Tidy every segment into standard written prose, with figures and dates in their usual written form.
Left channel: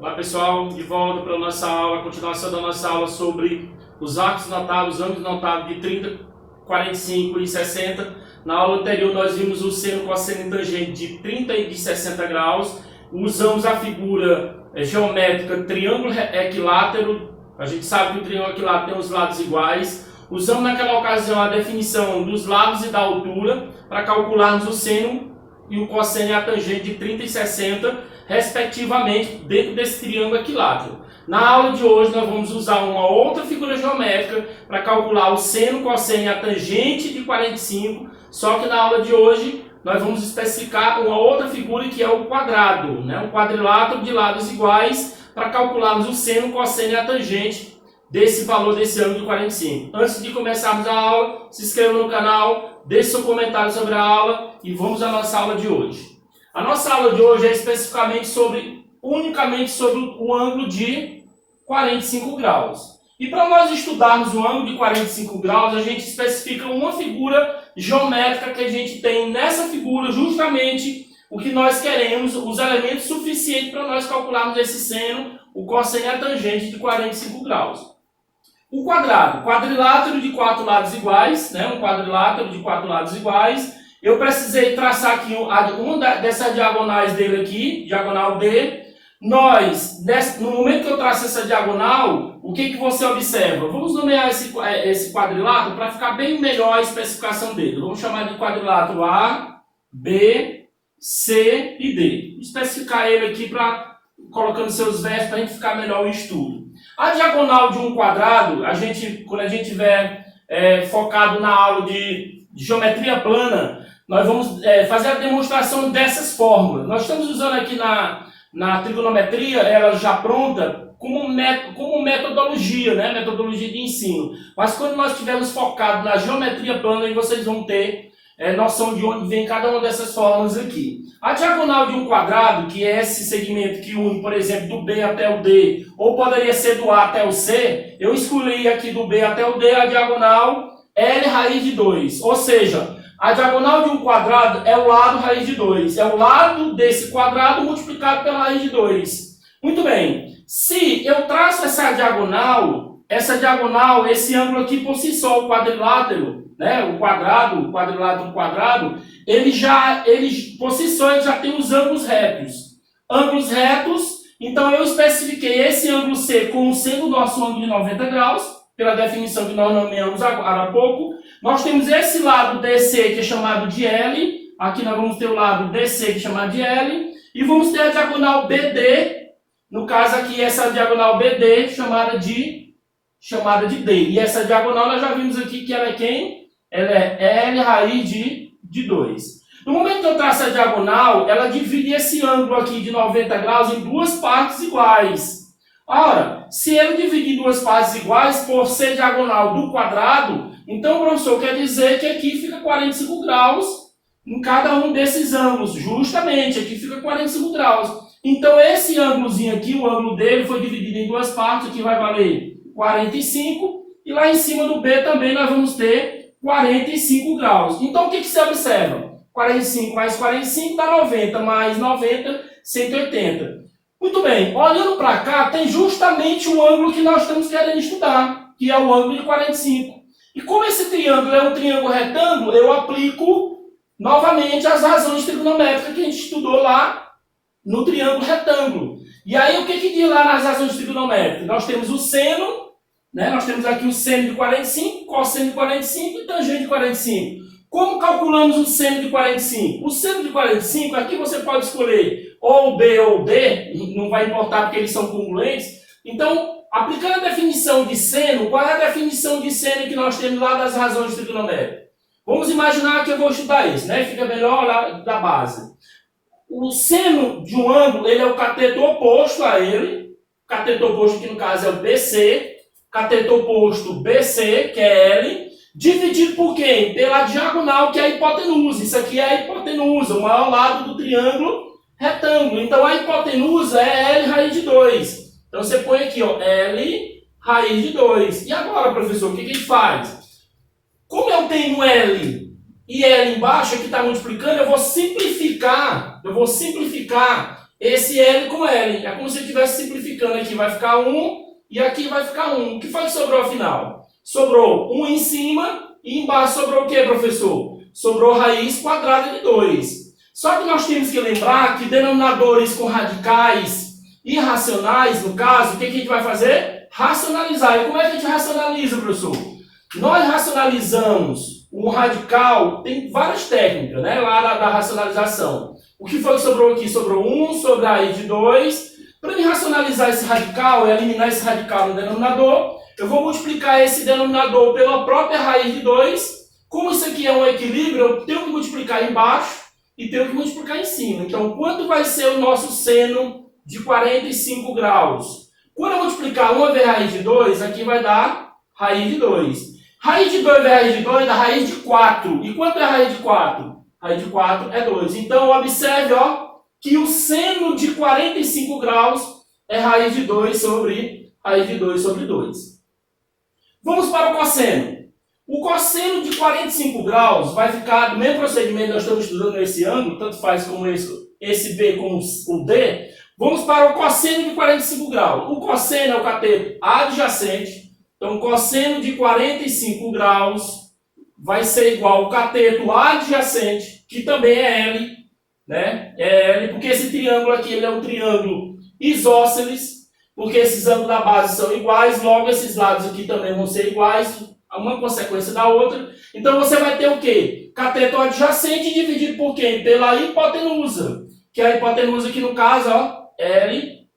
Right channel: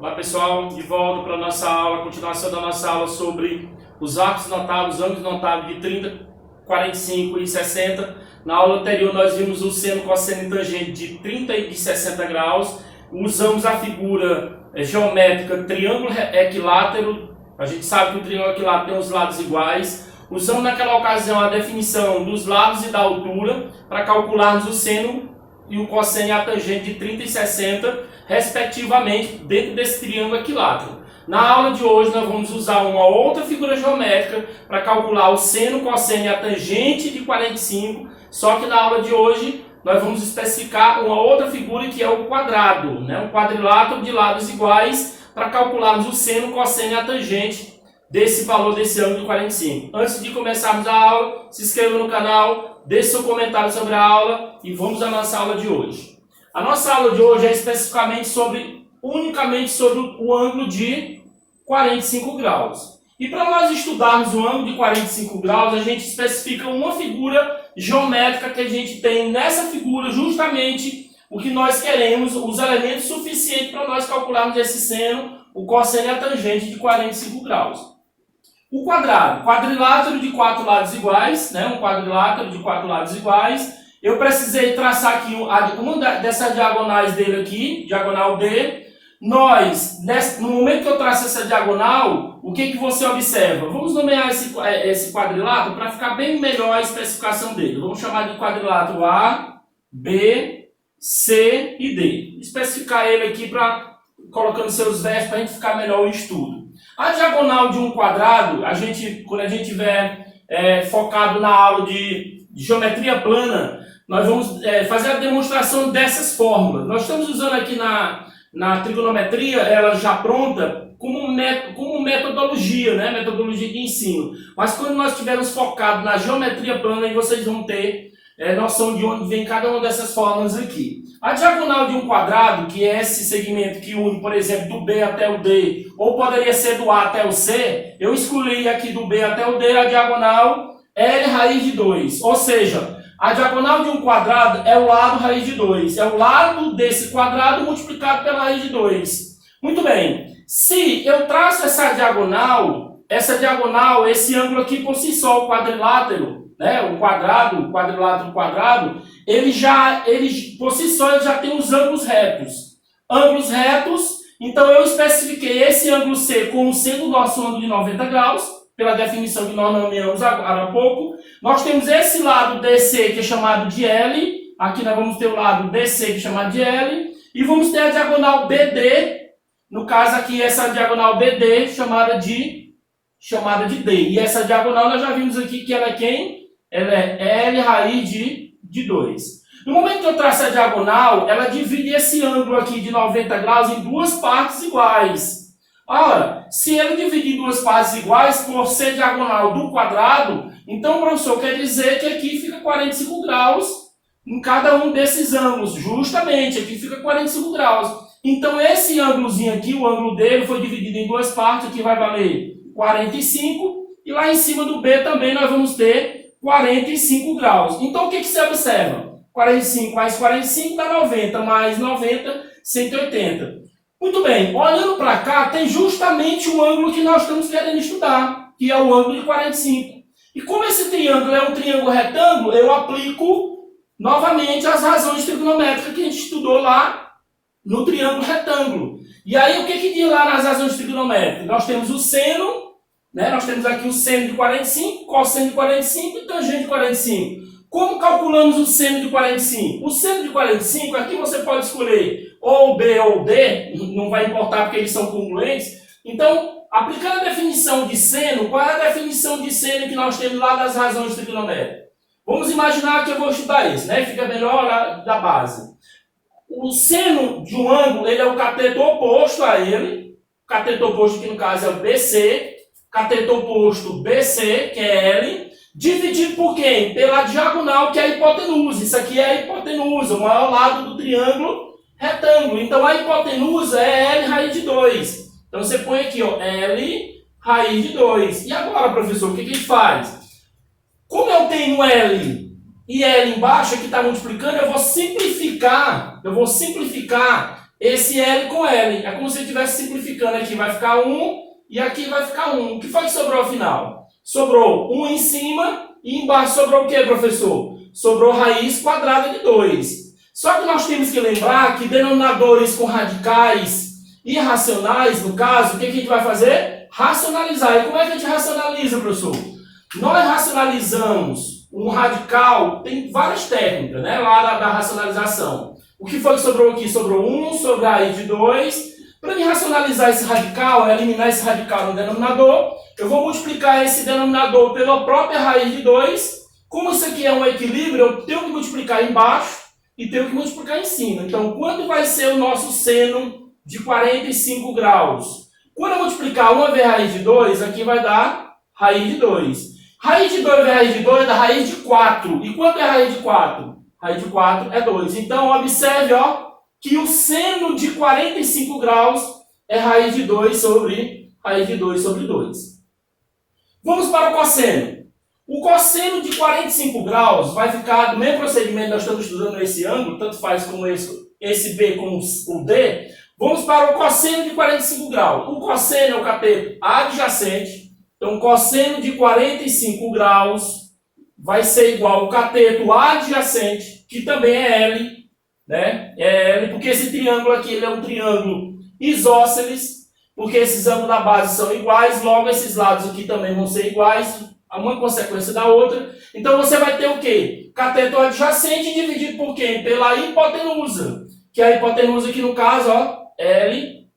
Olá pessoal, de volta para a nossa aula, continuação da nossa aula sobre os arcos notáveis, os ângulos notáveis de 30, 45 e 60. Na aula anterior nós vimos o seno, cosseno e tangente de 30 e de 60 graus. Usamos a figura geométrica triângulo equilátero. A gente sabe que o triângulo equilátero tem os lados iguais. Usamos naquela ocasião a definição dos lados e da altura para calcularmos o seno e o cosseno e a tangente de 30 e 60, respectivamente, dentro desse triângulo equilátero. Na aula de hoje nós vamos usar uma outra figura geométrica para calcular o seno, cosseno e a tangente de 45, só que na aula de hoje nós vamos especificar uma outra figura que é o quadrado, um quadrilátero de lados iguais, para calcularmos o seno, cosseno e a tangente desse valor desse ângulo de 45. Antes de começarmos a aula, se inscreva no canal, deixe seu comentário sobre a aula e vamos à nossa aula de hoje. A nossa aula de hoje é especificamente unicamente sobre o ângulo de 45 graus. E para nós estudarmos o ângulo de 45 graus, a gente especifica uma figura geométrica que a gente tem nessa figura justamente o que nós queremos, os elementos suficientes para nós calcularmos esse seno, o cosseno e a tangente de 45 graus. O quadrado, quadrilátero de 4 lados iguais, um quadrilátero de 4 lados iguais. Eu precisei traçar aqui uma dessas diagonais dele aqui, diagonal D. No momento que eu traço essa diagonal, o que você observa? Vamos nomear esse quadrilátero para ficar bem melhor a especificação dele. Vamos chamar de quadrilátero A, B, C e D. Especificar ele aqui colocando seus versos para a gente ficar melhor o estudo. A diagonal de um quadrado, quando a gente estiver focado na aula de geometria plana, nós vamos fazer a demonstração dessas fórmulas. Nós estamos usando aqui na trigonometria, ela já pronta, como metodologia, metodologia de ensino. Mas quando nós estivermos focados na geometria plana, aí vocês vão ter noção de onde vem cada uma dessas fórmulas aqui. A diagonal de um quadrado, que é esse segmento que une, por exemplo, do B até o D, ou poderia ser do A até o C, eu excluí aqui do B até o D a diagonal L raiz de 2. Ou seja, a diagonal de um quadrado é o lado raiz de 2. É o lado desse quadrado multiplicado pela raiz de 2. Muito bem. Se eu traço essa diagonal, esse ângulo aqui por si só, o quadrilátero, o quadrilátero, ele por si só ele já tem os ângulos retos. Ângulos retos, então eu especifiquei esse ângulo C como sendo o nosso ângulo de 90 graus, pela definição que nós nomeamos agora há pouco. Nós temos esse lado DC que é chamado de L, aqui nós vamos ter o lado DC que é chamado de L, e vamos ter a diagonal BD, no caso aqui essa diagonal BD chamada de D. E essa diagonal nós já vimos aqui que ela é quem? Ela é L raiz de 2. No momento que eu traço a diagonal, ela divide esse ângulo aqui de 90 graus em duas partes iguais. Ora, se ele dividir em duas partes iguais, por ser diagonal do quadrado, então, professor, quer dizer que aqui fica 45 graus em cada um desses ângulos. Justamente, aqui fica 45 graus. Então, esse ângulozinho aqui, o ângulo dele, foi dividido em duas partes, aqui vai valer 45, e lá em cima do B também nós vamos ter 45 graus. Então, o que você observa? 45 mais 45 dá 90, mais 90, 180. Muito bem, olhando para cá, tem justamente o ângulo que nós estamos querendo estudar, que é o ângulo de 45. E como esse triângulo é um triângulo retângulo, eu aplico novamente as razões trigonométricas que a gente estudou lá no triângulo retângulo. E aí, o que diz lá nas razões trigonométricas? Nós temos o seno, nós temos aqui o seno de 45, cosseno de 45 e tangente de 45. Como calculamos o seno de 45? O seno de 45, aqui você pode escolher ou B ou D, não vai importar porque eles são congruentes. Então, aplicando a definição de seno, qual é a definição de seno que nós temos lá das razões trigonométricas? Vamos imaginar que eu vou estudar esse, fica melhor lá da base. O seno de um ângulo, ele é o cateto oposto a ele. O cateto oposto aqui no caso é o BC. Cateto oposto BC, que é L. Dividido por quem? Pela diagonal, que é a hipotenusa. Isso aqui é a hipotenusa, o maior lado do triângulo retângulo. Então, a hipotenusa é L raiz de 2. Então, você põe aqui, L raiz de 2. E agora, professor, o que a gente faz? Como eu tenho L e L embaixo, que está multiplicando, eu vou simplificar esse L com L. É como se eu estivesse simplificando aqui. Vai ficar 1 e aqui vai ficar 1. O que foi que sobrou ao final? Sobrou 1 em cima e embaixo sobrou o que, professor? Sobrou raiz quadrada de 2. Só que nós temos que lembrar que denominadores com radicais irracionais, no caso, o que a gente vai fazer? Racionalizar. E como é que a gente racionaliza, professor? Nós racionalizamos um radical, tem várias técnicas, né, lá da racionalização. O que foi que sobrou aqui? Sobrou 1 sobre a raiz de 2. Para mim racionalizar esse radical, eliminar esse radical no denominador, eu vou multiplicar esse denominador pela própria raiz de 2. Como isso aqui é um equilíbrio, eu tenho que multiplicar embaixo e tenho que multiplicar em cima. Então, quanto vai ser o nosso seno de 45 graus? Quando eu multiplicar 1 vezes raiz de 2, aqui vai dar raiz de 2. Raiz de 2 vezes raiz de 2 dá raiz de 4. E quanto é a raiz de 4? Raiz de 4 é 2. Então, observe que o seno de 45 graus é raiz de 2 sobre raiz de 2 sobre 2. Vamos para o cosseno. O cosseno de 45 graus vai ficar do mesmo procedimento que nós estamos estudando esse ângulo, tanto faz como esse B como o D. Vamos para o cosseno de 45 graus. O cosseno é o cateto adjacente. Então, cosseno de 45 graus vai ser igual ao cateto adjacente, que também é L, né? É L, porque esse triângulo aqui ele é um triângulo isósceles, porque esses ângulos da base são iguais, logo esses lados aqui também vão ser iguais, uma consequência da outra. Então, você vai ter o quê? Cateto adjacente dividido por quem? Pela hipotenusa, que a hipotenusa aqui no caso, L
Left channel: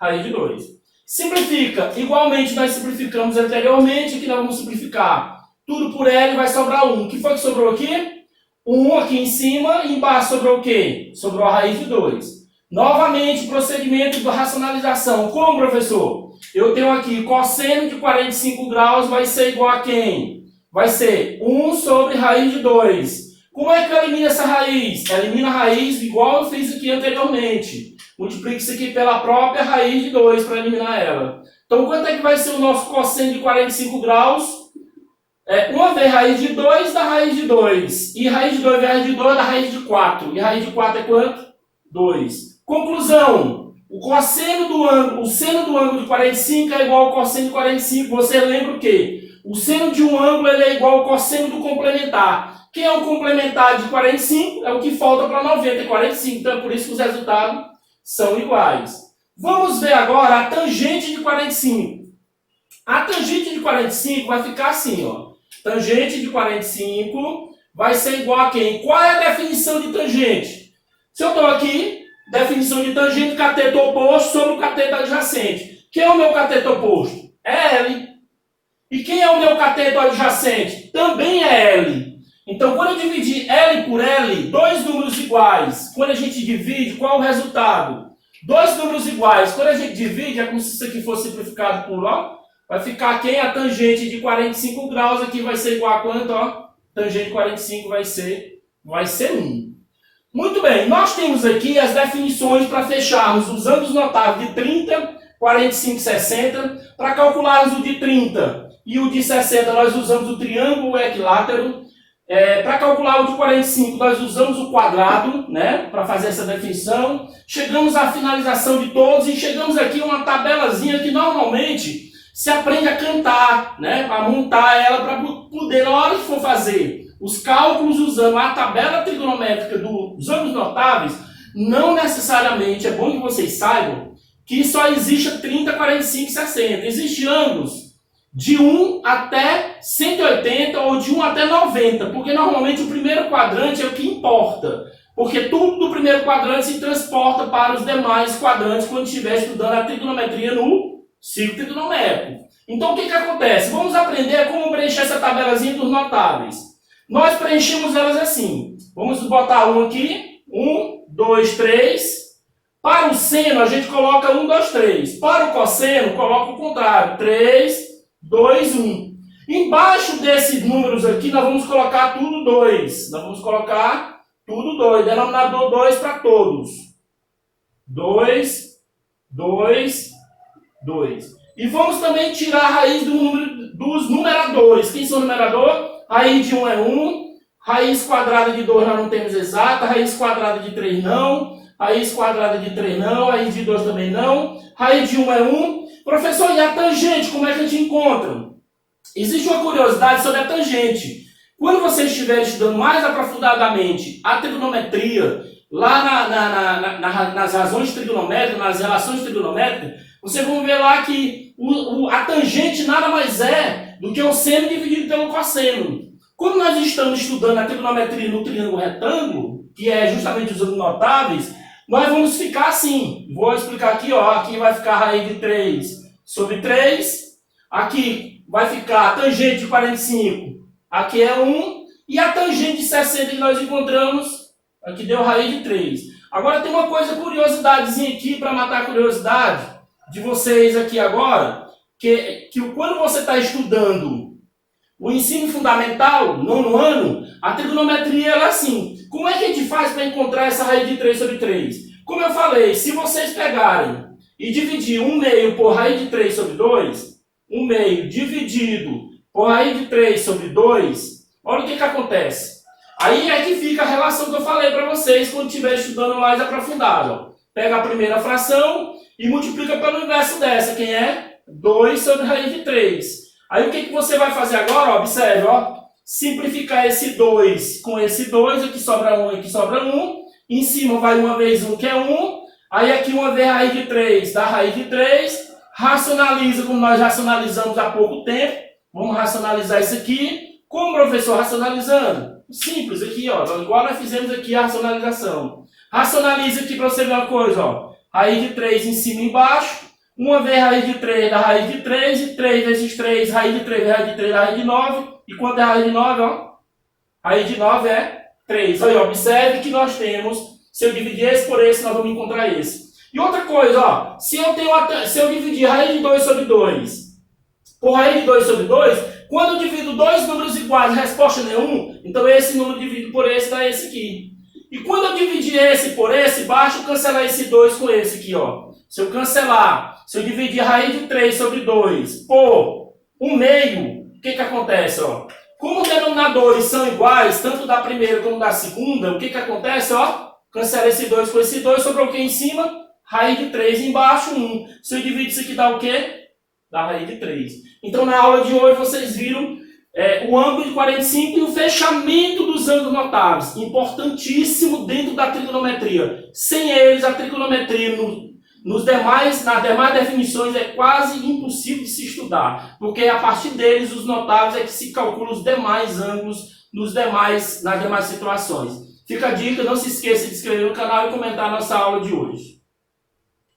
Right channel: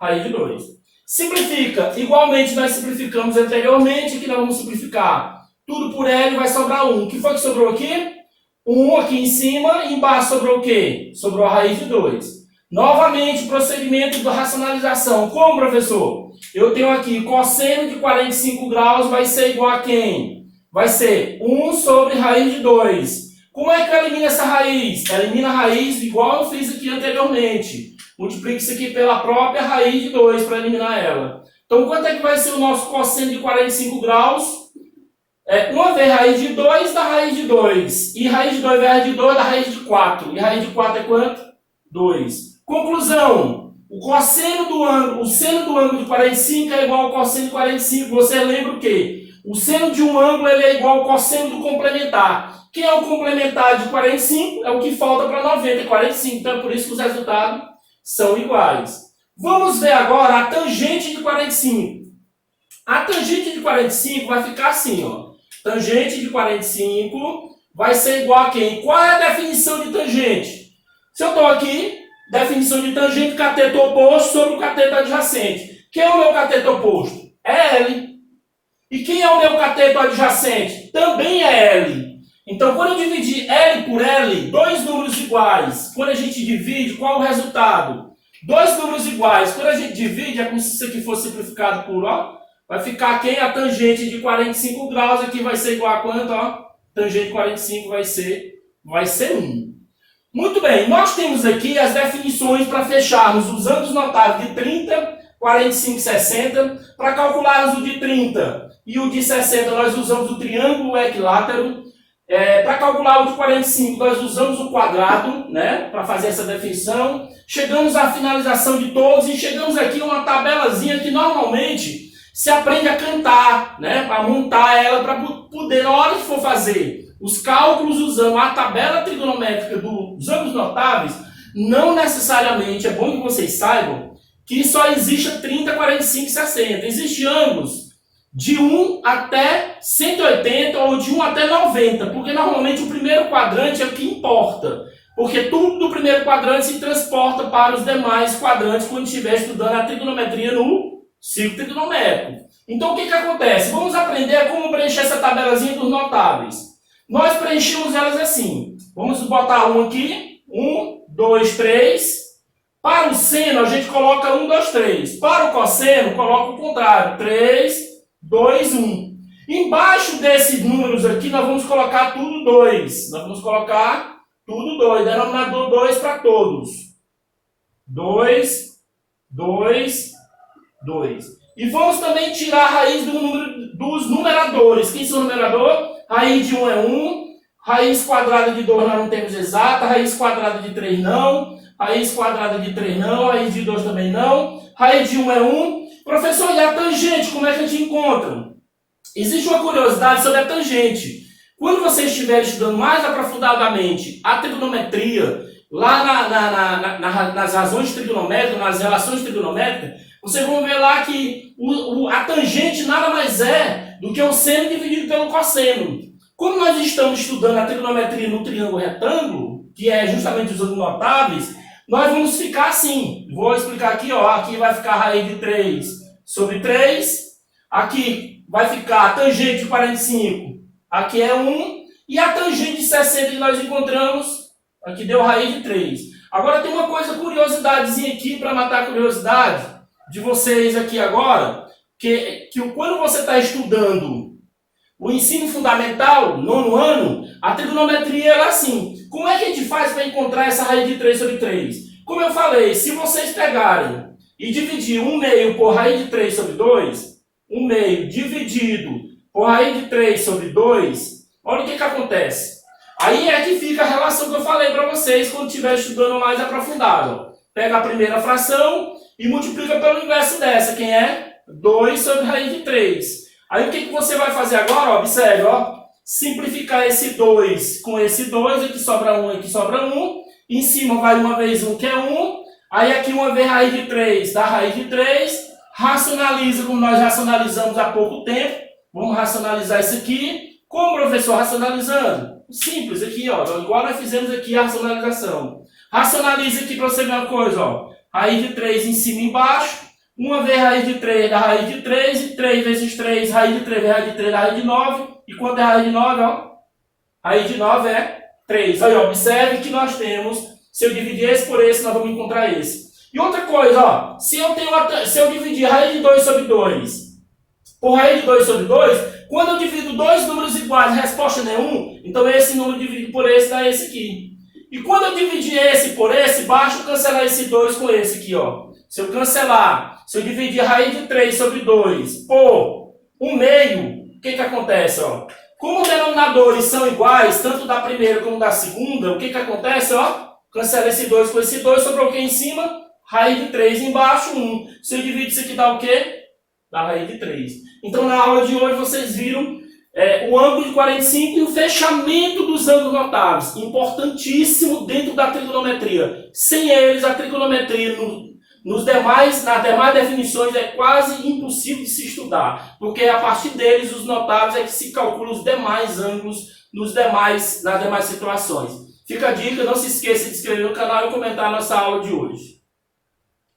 raiz de 2. Simplifica. Igualmente, nós simplificamos anteriormente, aqui nós vamos simplificar. Tudo por L vai sobrar 1. O que foi que sobrou aqui? 1 aqui em cima, e embaixo sobrou o quê? Sobrou a raiz de 2. Novamente, procedimento de racionalização. Como, professor? Eu tenho aqui cosseno de 45 graus vai ser igual a quem? Vai ser 1 sobre raiz de 2. Como é que eu elimino essa raiz? Elimina a raiz igual eu fiz aqui anteriormente. Multiplica isso aqui pela própria raiz de 2 para eliminar ela. Então, quanto é que vai ser o nosso cosseno de 45 graus? 1 vezes raiz de 2 dá raiz de 2. E raiz de 2 vezes raiz de 2 dá raiz de 4. E raiz de 4 é quanto? 2. Conclusão. O seno do ângulo de 45 é igual ao cosseno de 45. Você lembra o quê? O seno de um ângulo ele é igual ao cosseno do complementar. Quem é o complementar de 45? É o que falta para 90, 45. Então, é por isso que os resultados são iguais. Vamos ver agora a tangente de 45. A tangente de 45 vai ficar assim, Tangente de 45 vai ser igual a quem? Qual é a definição de tangente? Se eu estou aqui, definição de tangente, cateto oposto sobre o cateto adjacente. Quem é o meu cateto oposto? É L. E quem é o meu cateto adjacente? Também é L. Então, quando eu dividir L por L, dois números iguais, quando a gente divide, qual o resultado? Dois números iguais, quando a gente divide, é como se isso aqui fosse simplificado por, vai ficar quem? A tangente de 45 graus aqui vai ser igual a quanto, Tangente de 45 vai ser 1. Muito bem, nós temos aqui as definições para fecharmos os ângulos notáveis de 30, 45 e 60. Para calcularmos o de 30 e o de 60, nós usamos o triângulo equilátero. Para calcular o de 45, nós usamos o quadrado, né, para fazer essa definição. Chegamos à finalização de todos e chegamos aqui a uma tabelazinha que normalmente se aprende a cantar, né, para montar ela, para poder, na hora que for fazer os cálculos usando a tabela trigonométrica dos ângulos notáveis, não necessariamente, é bom que vocês saibam, que só existe 30, 45 e 60. Existem ângulos de 1 até 180 ou de 1 até 90, porque normalmente o primeiro quadrante é o que importa, porque tudo do primeiro quadrante se transporta para os demais quadrantes quando estiver estudando a trigonometria no ciclo trigonométrico. Então o que acontece? Vamos aprender como preencher essa tabelazinha dos notáveis. Nós preenchemos elas assim. Vamos botar um aqui. 1, 2, 3. Para o seno, a gente coloca 1, 2, 3. Para o cosseno, coloca o contrário. 3, 2, 1. Embaixo desses números aqui, nós vamos colocar tudo 2. Nós vamos colocar tudo 2. Denominador 2 para todos. 2, 2, 2. E vamos também tirar a raiz dos numeradores. Quem são numerador? Raiz de 1 é 1. Raiz quadrada de 2 nós não temos exata. Raiz quadrada de 3 não. raiz quadrada de 3 não, raiz de 2 também não, raiz de 1 é 1. Professor, e a tangente, como é que a gente encontra? Existe uma curiosidade sobre a tangente. Quando você estiver estudando mais aprofundadamente a trigonometria, lá nas razões trigonométricas, nas relações trigonométricas, vocês vão ver lá que a tangente nada mais é do que o seno dividido pelo cosseno. Como nós estamos estudando a trigonometria no triângulo retângulo, que é justamente os ângulos notáveis, nós vamos ficar assim. Vou explicar aqui, ó. Aqui vai ficar a raiz de 3 sobre 3. Aqui vai ficar a tangente de 45. Aqui é 1. E a tangente de 60 que nós encontramos, aqui deu raiz de 3. Agora tem uma coisa, curiosidadezinha aqui, para matar a curiosidade de vocês aqui agora, que quando você está estudando o ensino fundamental, 9º ano, a trigonometria ela é assim. Como é que a gente faz para encontrar essa raiz de 3 sobre 3? Como eu falei, se vocês pegarem e dividir 1/2 por raiz de 3 sobre 2, 1/2 dividido por raiz de 3 sobre 2, olha o que acontece. Aí é que fica a relação que eu falei para vocês quando estiver estudando mais aprofundado. Pega a primeira fração e multiplica pelo inverso dessa, quem é? 2 sobre raiz de 3. Aí o que você vai fazer agora? Observe, ó. Simplificar esse 2 com esse 2, aqui sobra 1, aqui sobra 1. Em cima vai uma vez 1, que é 1. Aí aqui uma vez raiz de 3, dá raiz de 3. Racionaliza como nós racionalizamos há pouco tempo. Vamos racionalizar isso aqui. Como, professor, racionalizando? Simples, aqui, ó. Igual nós fizemos aqui a racionalização. Racionaliza aqui para você ver uma coisa, ó. Raiz de 3 em cima e embaixo. Uma vez raiz de 3 dá raiz de 3, e 3 vezes 3, raiz de 3 vezes raiz de 3 dá raiz de 9. E quanto é raiz de 9, ó? Raiz de 9 é 3. Aí, observe que nós temos, se eu dividir esse por esse, nós vamos encontrar esse. E outra coisa, ó, se eu dividir raiz de 2 sobre 2 por raiz de 2 sobre 2, quando eu divido dois números iguais, a resposta não é 1, então esse número dividido por esse dá esse aqui. E quando eu dividir esse por esse, basta eu cancelar esse 2 com esse aqui, ó. Se eu cancelar, se eu dividir raiz de 3 sobre 2 por 1/2, o que acontece, ó? Como os denominadores são iguais, tanto da primeira como da segunda, o que acontece, ó? Cancela esse 2 com esse 2, sobrou o que em cima? Raiz de 3 embaixo, 1. Se eu dividir isso aqui, dá o quê? Dá raiz de 3. Então, na aula de hoje, vocês viram o ângulo de 45 e o fechamento dos ângulos notáveis. Importantíssimo dentro da trigonometria. Sem eles, a trigonometria nas demais definições é quase impossível de se estudar. Porque a partir deles, os notáveis, é que se calcula os demais ângulos nas demais situações. Fica a dica, não se esqueça de se inscrever no canal e comentar a nossa aula de hoje.